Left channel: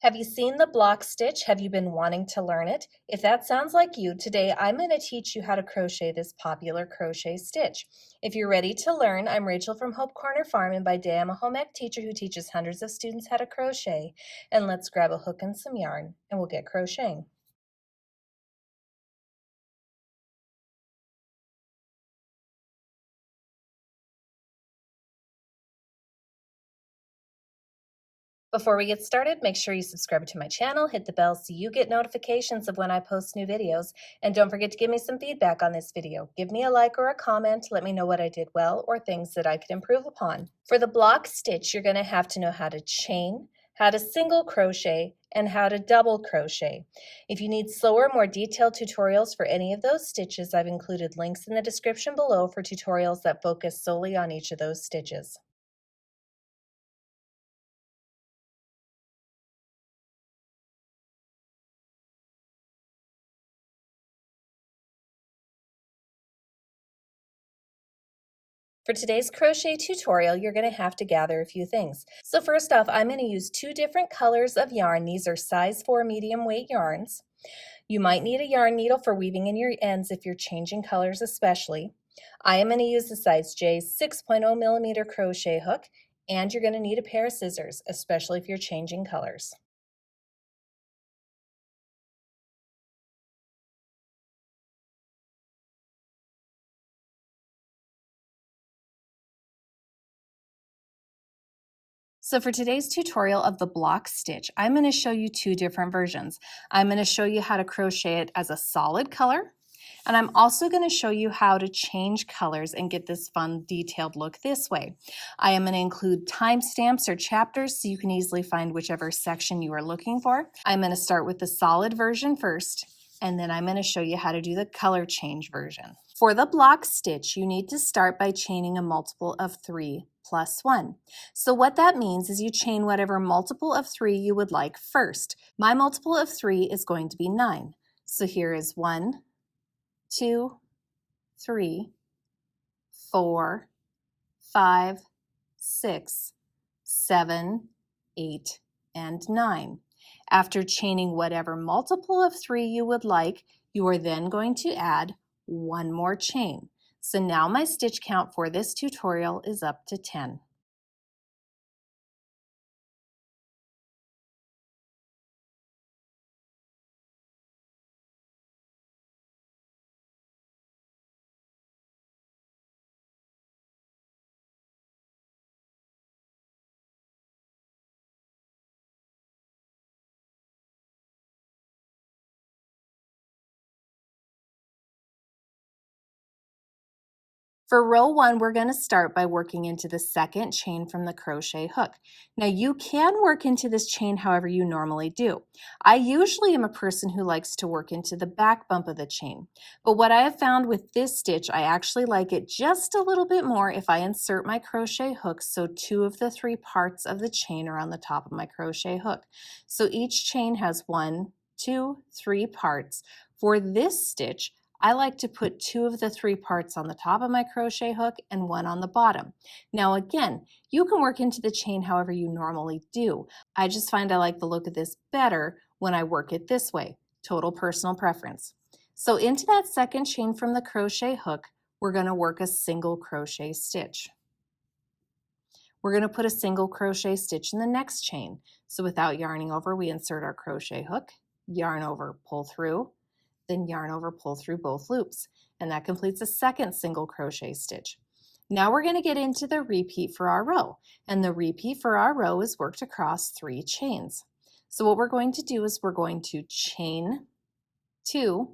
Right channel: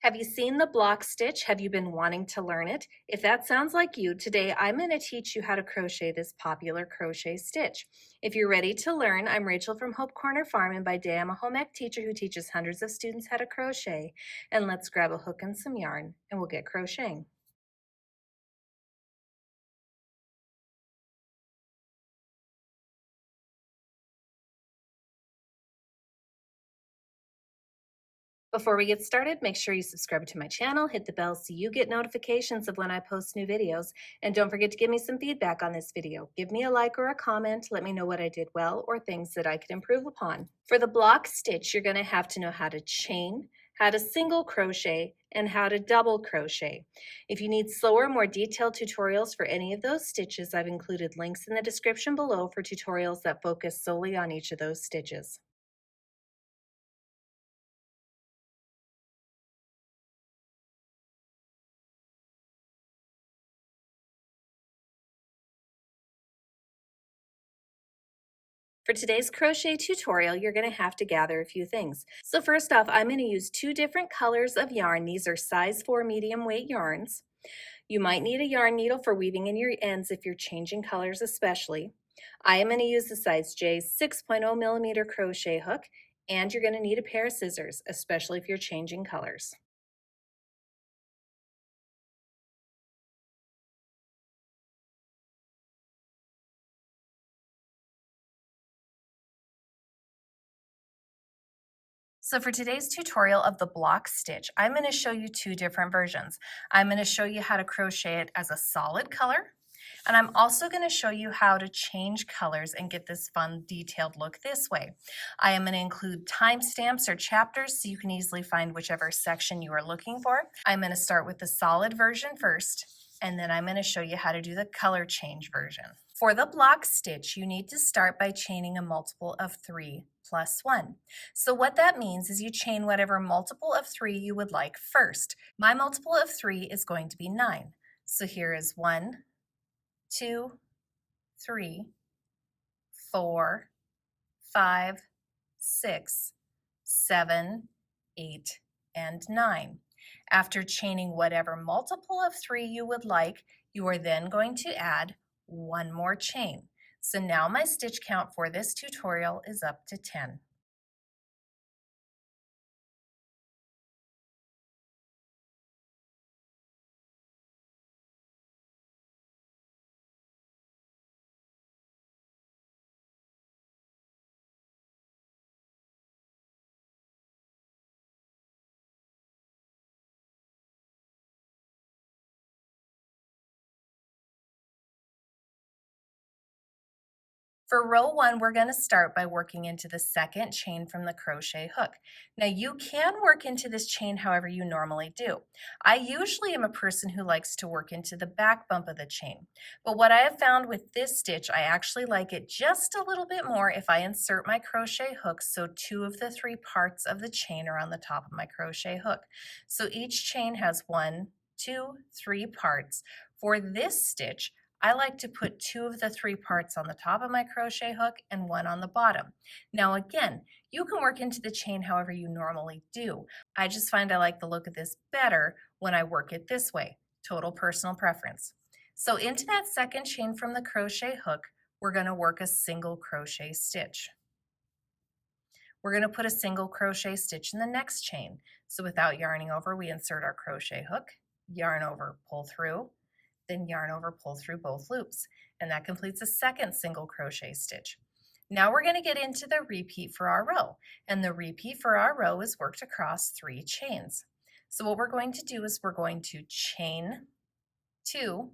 Have you seen the block stitch? Have you been wanting to learn it? If that sounds like you, today I'm going to teach you how to crochet this popular crochet stitch. If you're ready to learn, I'm Rachel from Hope Corner Farm, and by day I'm a home ec teacher who teaches hundreds of students how to crochet. And let's grab a hook and some yarn and we'll get crocheting. Before we get started, make sure you subscribe to my channel, hit the bell so you get notifications of when I post new videos, and don't forget to give me some feedback on this video. Give me a like or a comment, let me know what I did well or things that I could improve upon. For the block stitch, you're going to have to know how to chain, how to single crochet, and how to double crochet. If you need slower, more detailed tutorials for any of those stitches, I've included links in the description below for tutorials that focus solely on each of those stitches. For today's crochet tutorial, you're going to have to gather a few things. So first off, I'm going to use two different colors of yarn. These are size 4 medium weight yarns. You might need a yarn needle for weaving in your ends if you're changing colors especially. I am going to use the size J 6.0 millimeter crochet hook, and you're going to need a pair of scissors, especially if you're changing colors. So for today's tutorial of the block stitch, I'm going to show you two different versions. I'm going to show you how to crochet it as a solid color, and I'm also going to show you how to change colors and get this fun detailed look this way. I am going to include timestamps or chapters so you can easily find whichever section you are looking for. I'm going to start with the solid version first, and then I'm going to show you how to do the color change version. For the block stitch, you need to start by chaining a multiple of 3 plus 1. So what that means is you chain whatever multiple of 3 you would like first. My multiple of 3 is going to be 9. So here is 1, 2, 3, 4, 5, 6, 7, 8, and 9. After chaining whatever multiple of 3 you would like, you are then going to add one more chain. So now my stitch count for this tutorial is up to 10. For row 1, we're going to start by working into the second chain from the crochet hook. Now you can work into this chain however you normally do. I usually am a person who likes to work into the back bump of the chain, but what I have found with this stitch, I actually like it just a little bit more if I insert my crochet hook so 2 of the 3 parts of the chain are on the top of my crochet hook. So each chain has 1, 2, 3 parts. For this stitch, I like to put 2 of the 3 parts on the top of my crochet hook and 1 on the bottom. Now again, you can work into the chain however you normally do. I just find I like the look of this better when I work it this way. Total personal preference. So into that second chain from the crochet hook, we're going to work a single crochet stitch. We're going to put a single crochet stitch in the next chain. So without yarning over, we insert our crochet hook, yarn over, pull through, then yarn over, pull through both loops, and that completes a second single crochet stitch. Now we're going to get into the repeat for our row, and the repeat for our row is worked across 3 chains. So what we're going to do is we're going to chain 2,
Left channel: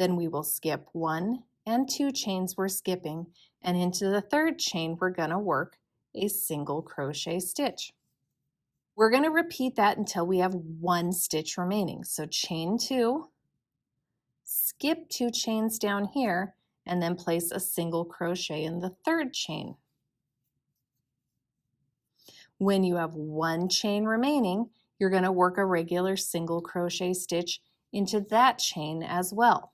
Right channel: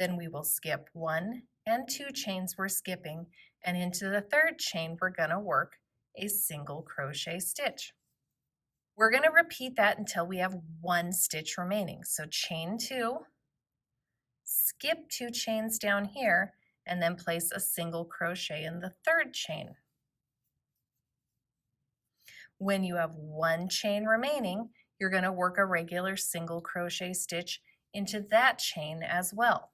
then we will skip 1 and 2 chains we're skipping, and into the third chain we're going to work a single crochet stitch. We're going to repeat that until we have 1 stitch remaining. So chain 2, skip 2 chains down here, and then place a single crochet in the third chain. When you have 1 chain remaining, you're going to work a regular single crochet stitch into that chain as well.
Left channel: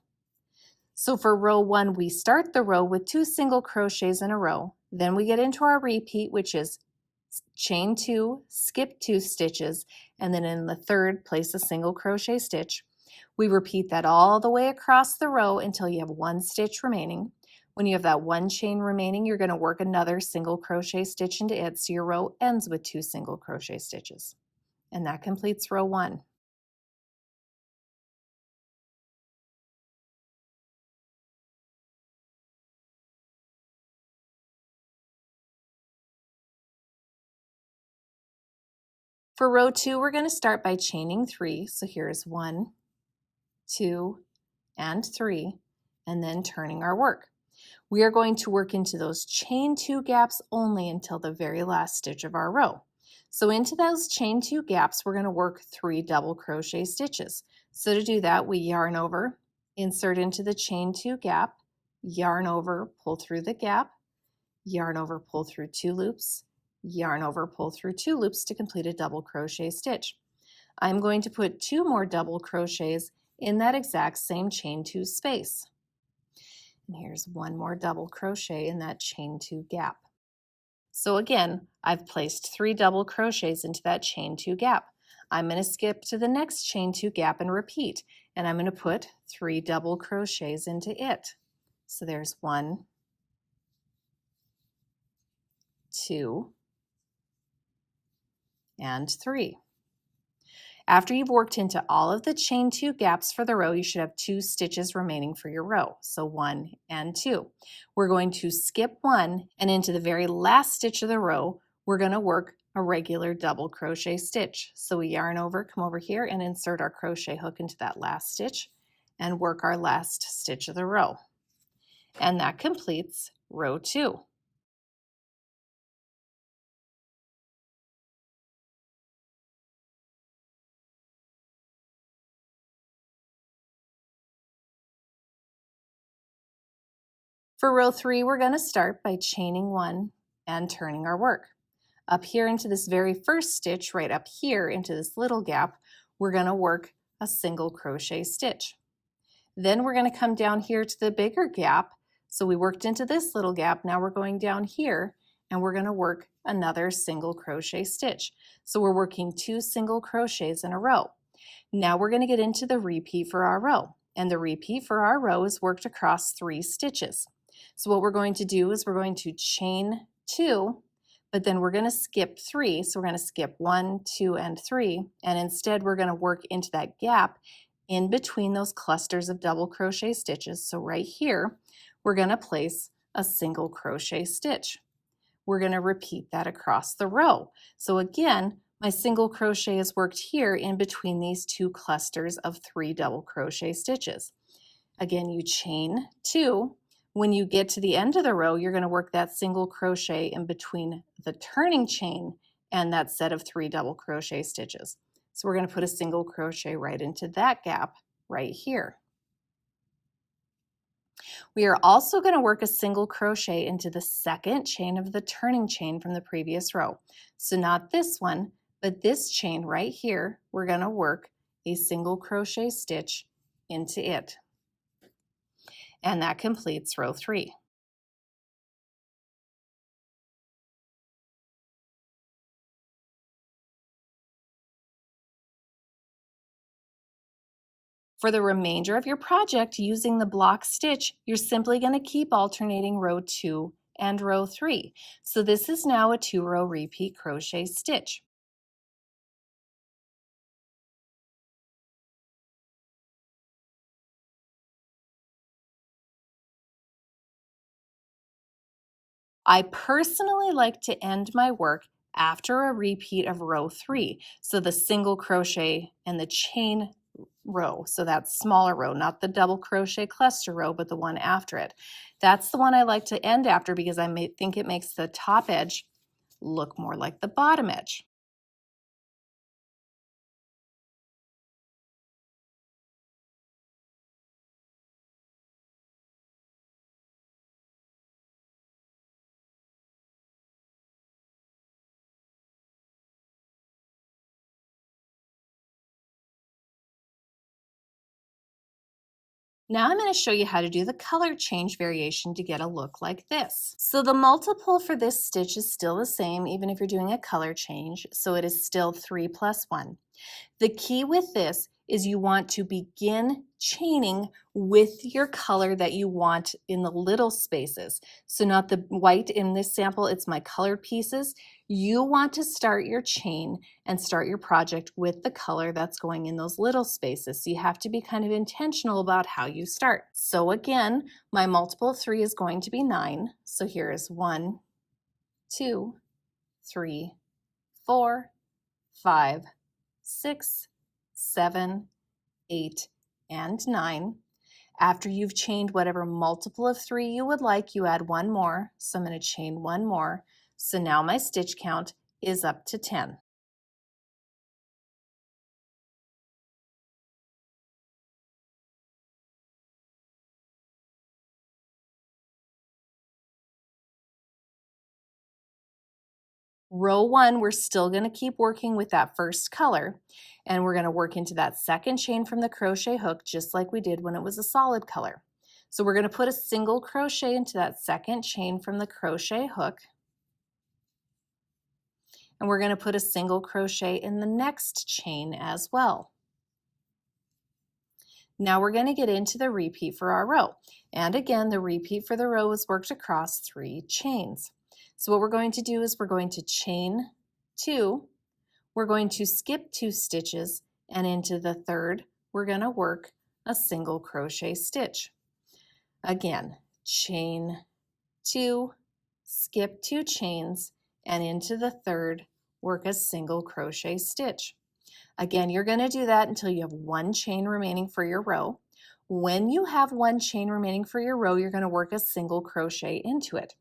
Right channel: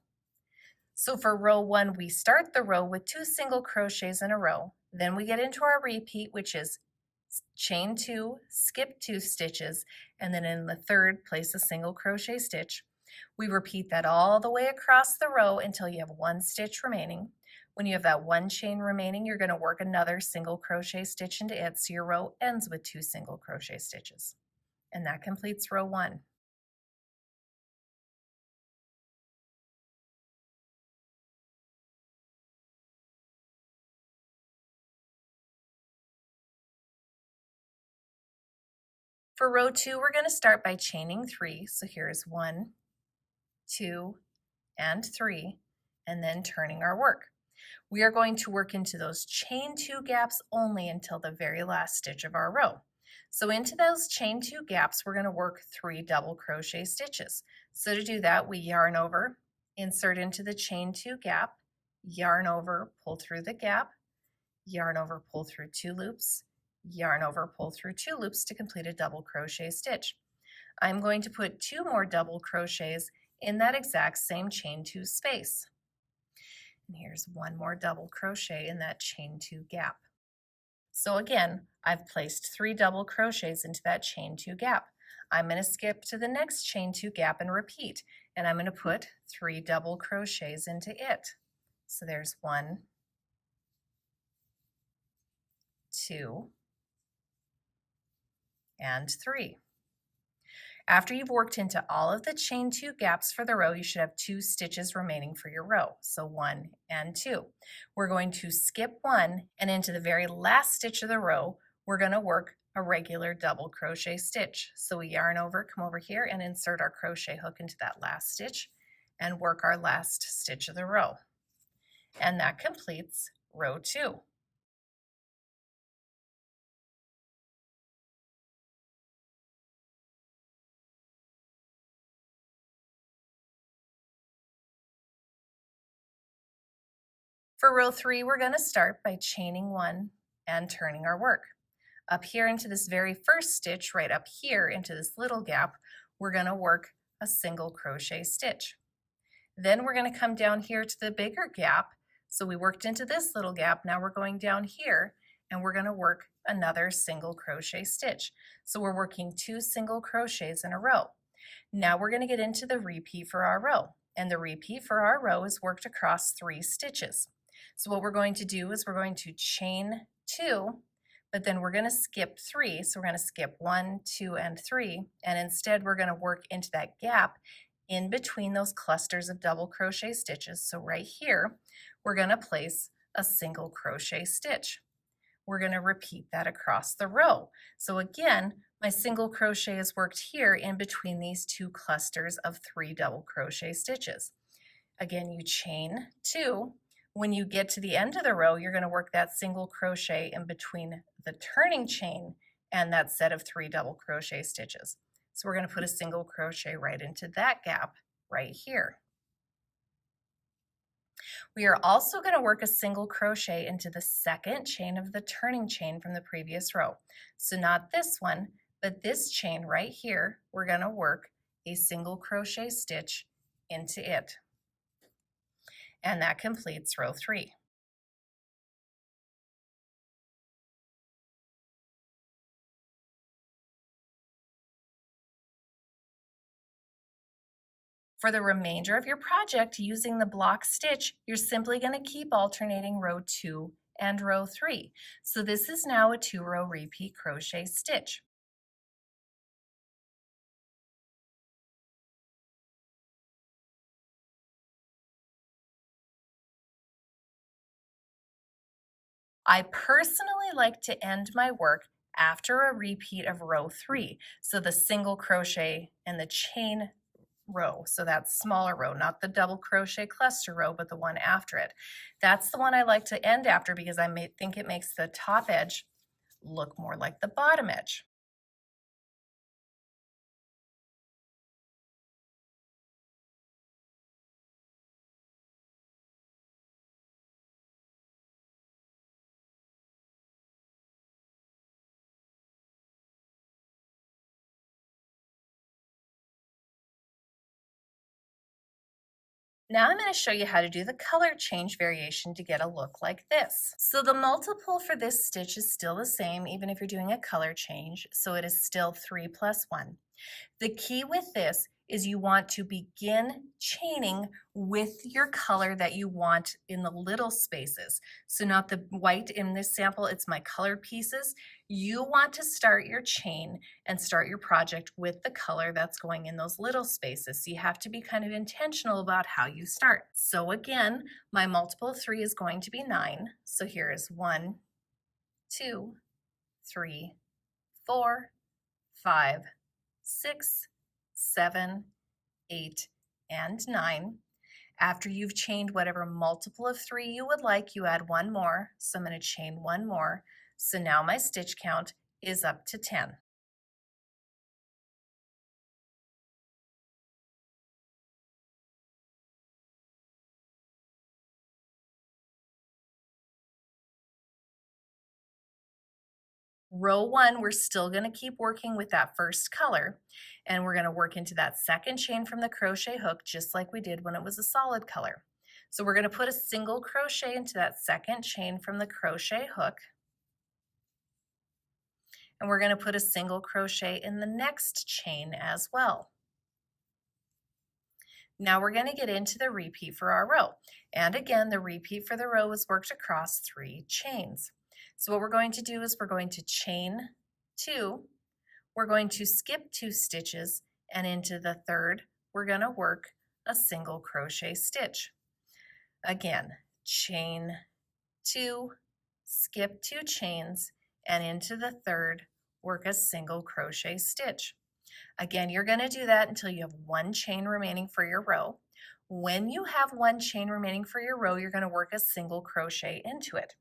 So for row 1, we start the row with 2 single crochets in a row. Then we get into our repeat, which is chain 2, skip 2 stitches, and then in the third, place a single crochet stitch. We repeat that all the way across the row until you have one stitch remaining. When you have that one chain remaining, you're going to work another single crochet stitch into it, so your row ends with 2 single crochet stitches. And that completes row 1. For row 2, we're going to start by chaining 3. So here's 1, 2, and 3, and then turning our work. We are going to work into those chain 2 gaps only until the very last stitch of our row. So into those chain 2 gaps, we're going to work 3 double crochet stitches. So to do that, we yarn over, insert into the chain 2 gap, yarn over, pull through the gap, yarn over, pull through 2 loops, yarn over, pull through 2 loops to complete a double crochet stitch. I'm going to put 2 more double crochets in that exact same chain 2 space. And here's 1 more double crochet in that chain 2 gap. So again, I've placed 3 double crochets into that chain 2 gap. I'm going to skip to the next chain 2 gap and repeat, and I'm going to put 3 double crochets into it. So there's 1, 2, and 3. After you've worked into all of the chain 2 gaps for the row, you should have 2 stitches remaining for your row. So 1 and 2. We're going to skip 1, and into the very last stitch of the row, we're going to work a regular double crochet stitch. So we yarn over, come over here, and insert our crochet hook into that last stitch and work our last stitch of the row. And that completes row 2. For row 3, we're going to start by chaining 1 and turning our work. Up here into this very first stitch, right up here into this little gap, we're going to work a single crochet stitch. Then we're going to come down here to the bigger gap. So we worked into this little gap, now we're going down here and we're going to work another single crochet stitch. So we're working 2 single crochets in a row. Now we're going to get into the repeat for our row, and the repeat for our row is worked across 3 stitches. So what we're going to do is we're going to chain 2, but then we're going to skip 3. So we're going to skip 1, 2, and 3, and instead we're going to work into that gap in between those clusters of double crochet stitches. So right here, we're going to place a single crochet stitch. We're going to repeat that across the row. So again, my single crochet is worked here in between these 2 clusters of 3 double crochet stitches. Again, you chain 2. When you get to the end of the row, you're going to work that single crochet in between the turning chain and that set of 3 double crochet stitches. So we're going to put a single crochet right into that gap right here. We are also going to work a single crochet into the second chain of the turning chain from the previous row. So not this one, but this chain right here, we're going to work a single crochet stitch into it. And that completes row 3. For the remainder of your project using the block stitch, you're simply going to keep alternating row 2 and row 3. So this is now a 2-row repeat crochet stitch. I personally like to end my work after a repeat of row 3. So the single crochet and the chain row, so that smaller row, not the double crochet cluster row, but the one after it. That's the one I like to end after because I think it makes the top edge look more like the bottom edge. Now I'm going to show you how to do the color change variation to get a look like this. So the multiple for this stitch is still the same even if you're doing a color change, so it is still 3 plus 1. The key with this is you want to begin chaining with your color that you want in the little spaces. So not the white in this sample, it's my colored pieces. You want to start your chain and start your project with the color that's going in those little spaces. So you have to be kind of intentional about how you start. So again, my multiple of 3 is going to be 9. So here is 1, 2, 3, 4, 5, 6, 7, 8, and 9. After you've chained whatever multiple of 3 you would like, you add one more. So I'm going to chain one more. So now my stitch count is up to 10. Row 1, we're still going to keep working with that first color, and we're going to work into that second chain from the crochet hook just like we did when it was a solid color. So we're going to put a single crochet into that second chain from the crochet hook, and we're going to put a single crochet in the next chain as well. Now we're going to get into the repeat for our row. And again, the repeat for the row is worked across 3 chains. So what we're going to do is we're going to chain 2, we're going to skip 2 stitches, and into the third, we're going to work a single crochet stitch. Again, chain 2, skip 2 chains, and into the third, work a single crochet stitch. Again, you're going to do that until you have 1 chain remaining for your row. When you have 1 chain remaining for your row, you're going to work a single crochet into it.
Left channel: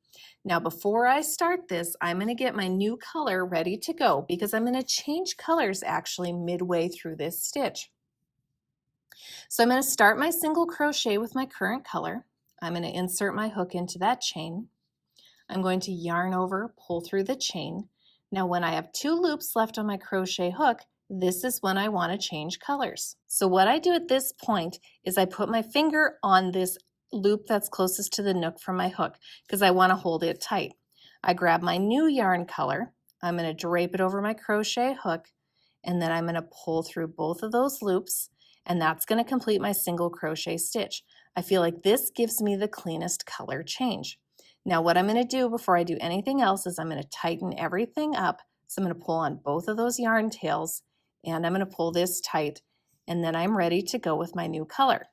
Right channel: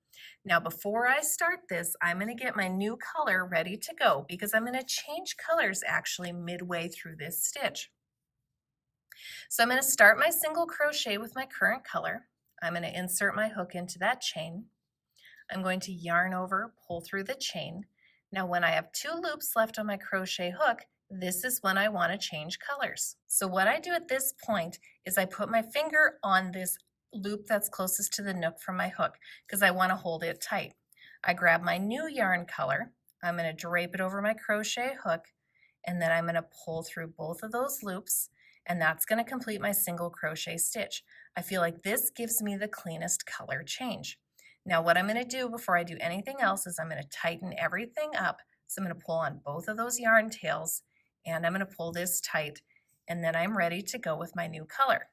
Now, before I start this, I'm going to get my new color ready to go because I'm going to change colors actually midway through this stitch. So I'm going to start my single crochet with my current color. I'm going to insert my hook into that chain. I'm going to yarn over, pull through the chain. Now when I have 2 loops left on my crochet hook, this is when I want to change colors. So what I do at this point is I put my finger on this loop that's closest to the nook from my hook because I want to hold it tight. I grab my new yarn color, I'm going to drape it over my crochet hook, and then I'm going to pull through both of those loops, and that's going to complete my single crochet stitch. I feel like this gives me the cleanest color change. Now what I'm going to do before I do anything else is I'm going to tighten everything up. So I'm going to pull on both of those yarn tails, and I'm going to pull this tight, and then I'm ready to go with my new color.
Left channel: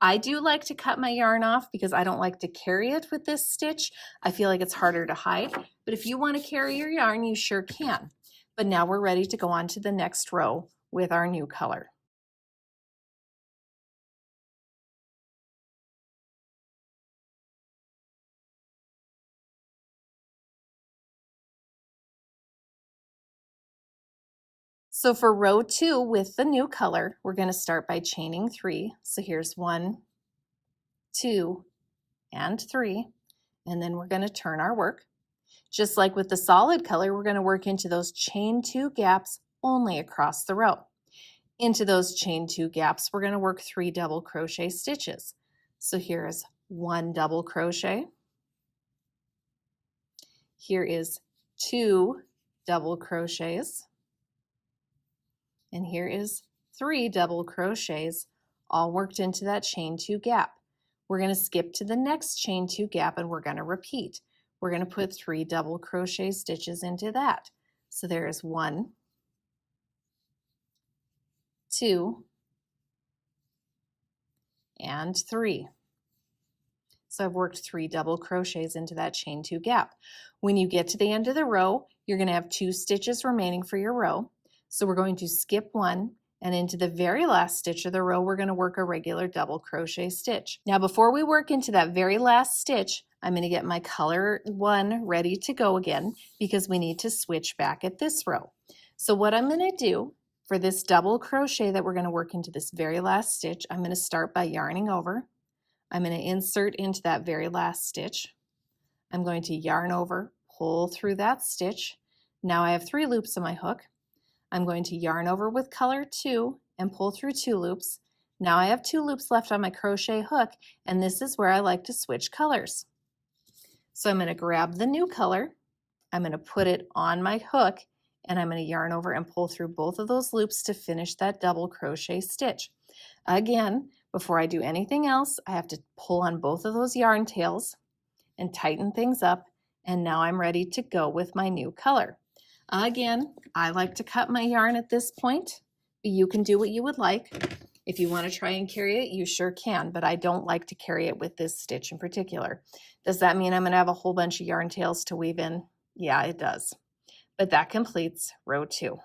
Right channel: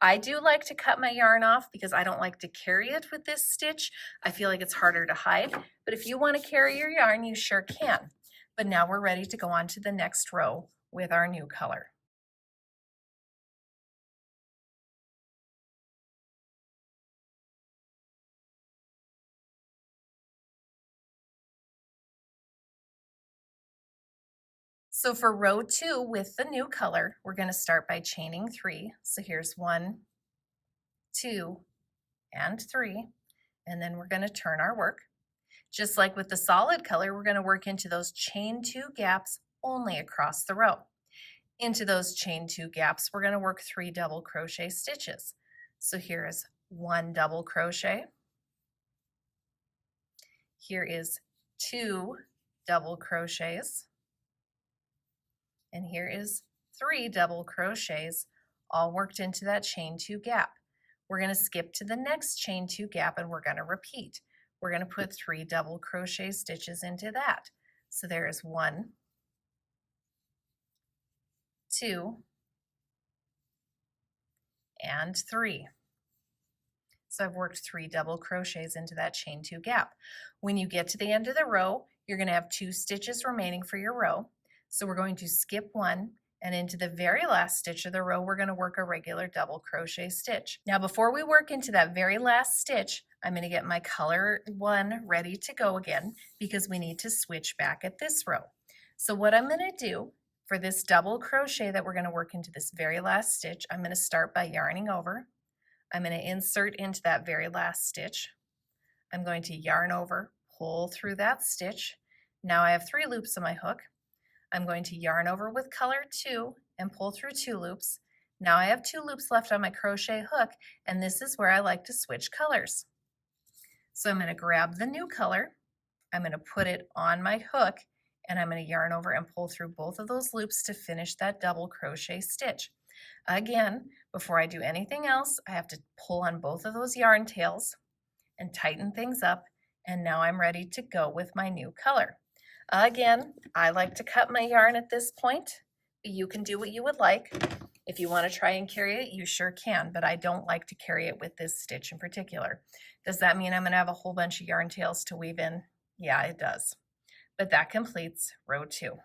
I do like to cut my yarn off because I don't like to carry it with this stitch. I feel like it's harder to hide, but if you want to carry your yarn, you sure can. But now we're ready to go on to the next row with our new color. So for row 2 with the new color, we're going to start by chaining 3. So here's 1, 2, and 3, and then we're going to turn our work. Just like with the solid color, we're going to work into those chain 2 gaps only across the row. Into those chain 2 gaps, we're going to work 3 double crochet stitches. So here is 1 double crochet. Here is 2 double crochets. And here is 3 double crochets, all worked into that chain 2 gap. We're going to skip to the next chain 2 gap and we're going to repeat. We're going to put 3 double crochet stitches into that. So there is 1, 2, and 3. So I've worked 3 double crochets into that chain 2 gap. When you get to the end of the row, you're going to have 2 stitches remaining for your row. So we're going to skip 1, and into the very last stitch of the row, we're going to work a regular double crochet stitch. Now before we work into that very last stitch, I'm going to get my color 1 ready to go again because we need to switch back at this row. So what I'm going to do for this double crochet that we're going to work into this very last stitch, I'm going to start by yarning over. I'm going to insert into that very last stitch. I'm going to yarn over, pull through that stitch. Now I have 3 loops on my hook. I'm going to yarn over with color 2 and pull through 2 loops. Now I have 2 loops left on my crochet hook, and this is where I like to switch colors. So I'm going to grab the new color, I'm going to put it on my hook, and I'm going to yarn over and pull through both of those loops to finish that double crochet stitch. Again, before I do anything else, I have to pull on both of those yarn tails and tighten things up, and now I'm ready to go with my new color. Again, I like to cut my yarn at this point. You can do what you would like. If you want to try and carry it, you sure can, but I don't like to carry it with this stitch in particular. Does that mean I'm going to have a whole bunch of yarn tails to weave in? Yeah, it does. But that completes row 2.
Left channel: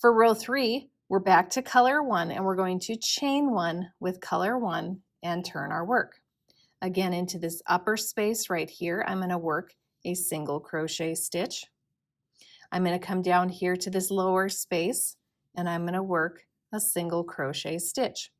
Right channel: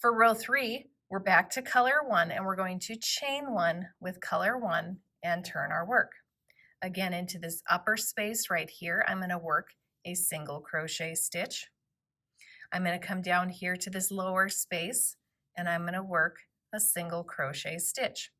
For row 3, we're back to color 1, and we're going to chain 1 with color 1 and turn our work. Again, into this upper space right here, I'm going to work a single crochet stitch. I'm going to come down here to this lower space, and I'm going to work a single crochet stitch.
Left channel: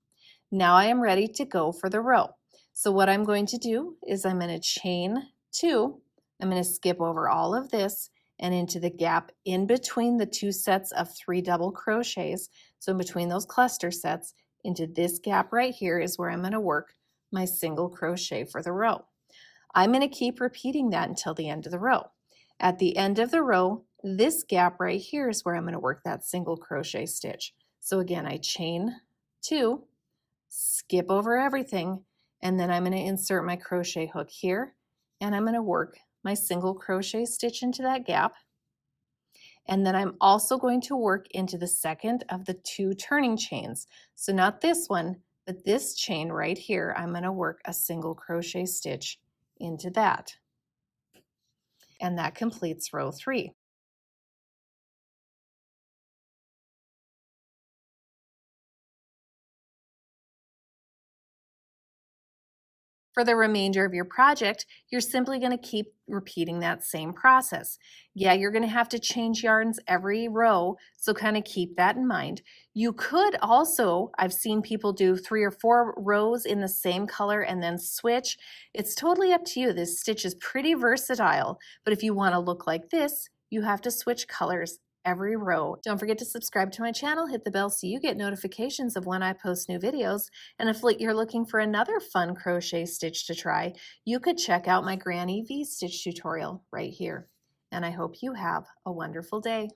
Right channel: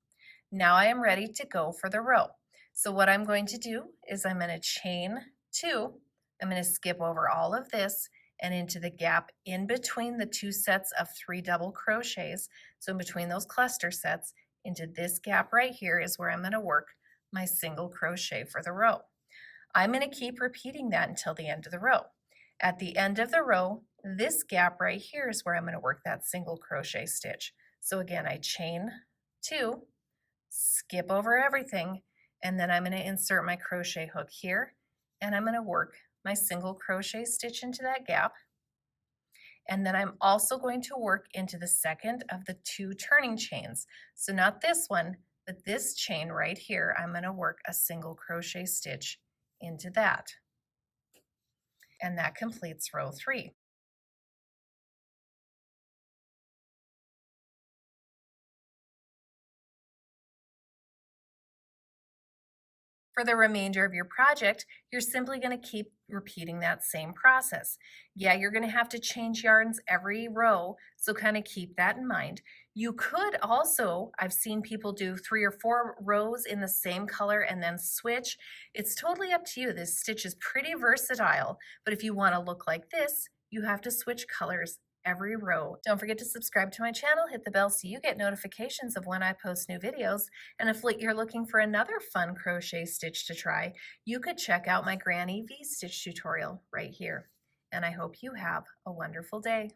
Now I am ready to go for the row. So what I'm going to do is I'm going to chain 2. I'm going to skip over all of this and into the gap in between the 2 sets of 3 double crochets. So in between those cluster sets, into this gap right here is where I'm going to work my single crochet for the row. I'm going to keep repeating that until the end of the row. At the end of the row, this gap right here is where I'm going to work that single crochet stitch. So again, I chain 2, skip over everything, and then I'm going to insert my crochet hook here, and I'm going to work my single crochet stitch into that gap. And then I'm also going to work into the second of the 2 turning chains. So not this one, but this chain right here, I'm going to work a single crochet stitch into that. And that completes row 3. For the remainder of your project, you're simply going to keep repeating that same process. Yeah, you're going to have to change yarns every row, so kind of keep that in mind. You could also, I've seen people do 3 or 4 rows in the same color and then switch. It's totally up to you. This stitch is pretty versatile, but if you want to look like this, you have to switch colors every row. Don't forget to subscribe to my channel, hit the bell so you get notifications of when I post new videos. And if you're looking for another fun crochet stitch to try, you could check out my Granny V-stitch tutorial right here. And I hope you have a wonderful day.